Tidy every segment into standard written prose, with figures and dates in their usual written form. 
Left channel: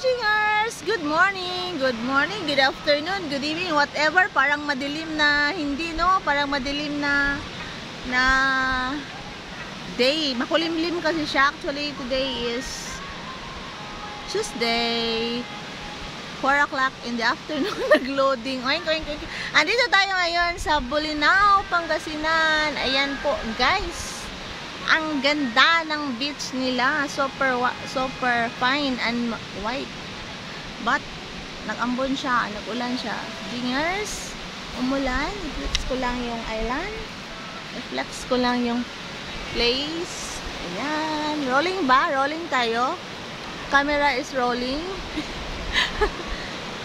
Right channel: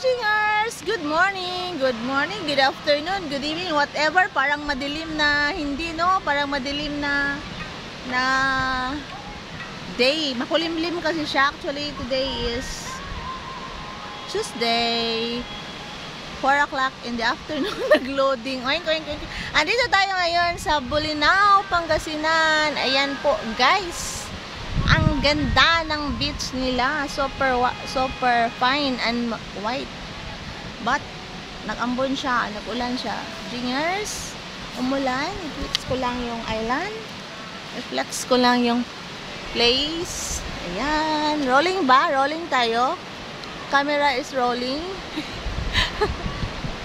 Jingers! Good morning, good afternoon, good evening, whatever. Parang madilim na, hindi no? Parang madilim na day. Makulimlim kasi siya. Actually, today is Tuesday. 4 o'clock in the afternoon, nag-loading. Oink, oink, oink. Andito tayo ngayon sa Bolinao, Pangasinan. Ayan po, guys. Ang ganda ng beach nila. Super fine and white. But, nag-ambon siya, nag-ulan siya. Dingers, umulan. I-flex ko lang yung island. I-flex ko lang yung place. Ayan. Rolling ba? Rolling tayo. Camera is rolling.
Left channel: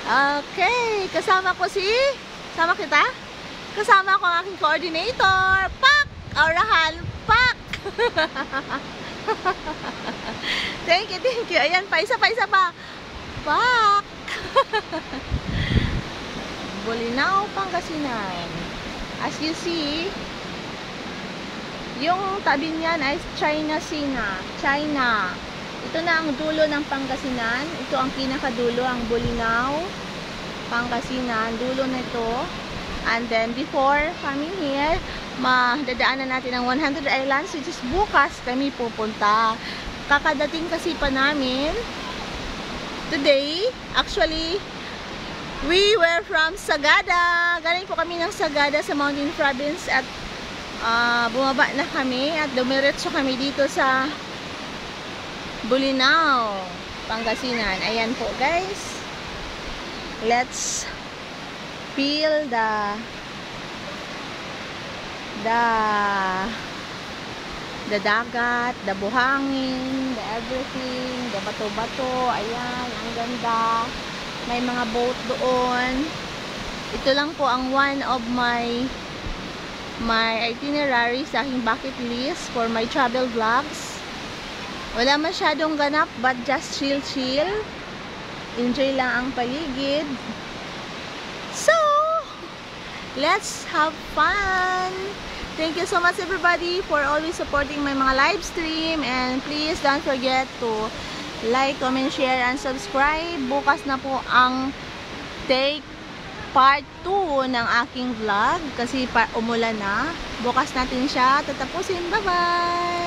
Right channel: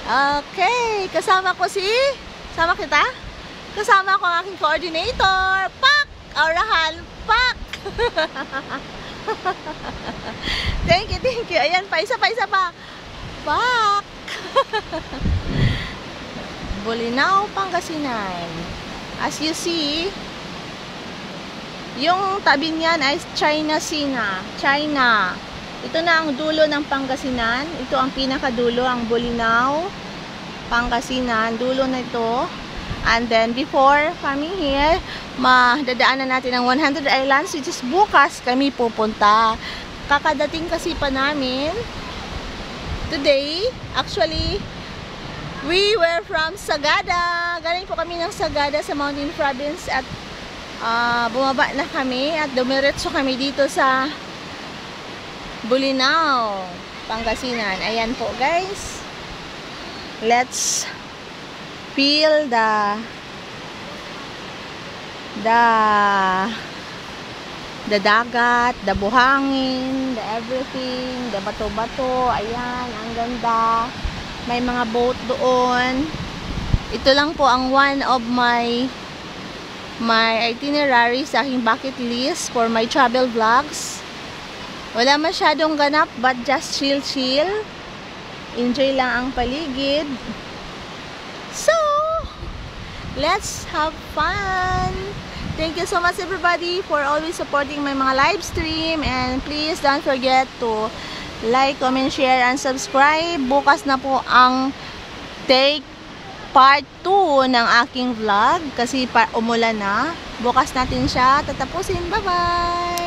Okay, kasama ko sama kita? Kasama ko ang aking coordinator. Pak! Aurahan, pak! Thank you. Ayan pa, isa pa. Pak! Bolinao, Pangasinan. As you see, yung tabi niyan ay China Sea. China. Ito na ang dulo ng Pangasinan. Ito ang pinakadulo, ang Bolinao, Pangasinan. Dulo na ito. And then, before coming here, madadaanan natin ang 100 Islands, which is bukas kami pupunta. Kakadating kasi pa namin today. Actually, we were from Sagada. Galing po kami ng Sagada sa Mountain Province at bumaba na kami at dumiretso kami dito sa Bolinao, Pangasinan. Ayan po, guys. Let's feel the dagat, the buhangin, the everything, the bato-bato. Ayan, ang ganda. May mga boat doon. Ito lang po ang one of my itinerary sa aking bucket list for my travel vlogs. Wala masyadong ganap, but just chill. Enjoy lang ang paligid. So, let's have fun. Thank you so much everybody for always supporting my mga live stream. And please don't forget to like, comment, share, and subscribe. Bukas na po ang take part 2 ng aking vlog. Kasi umulan na. Bukas natin siya tatapusin. Bye-bye!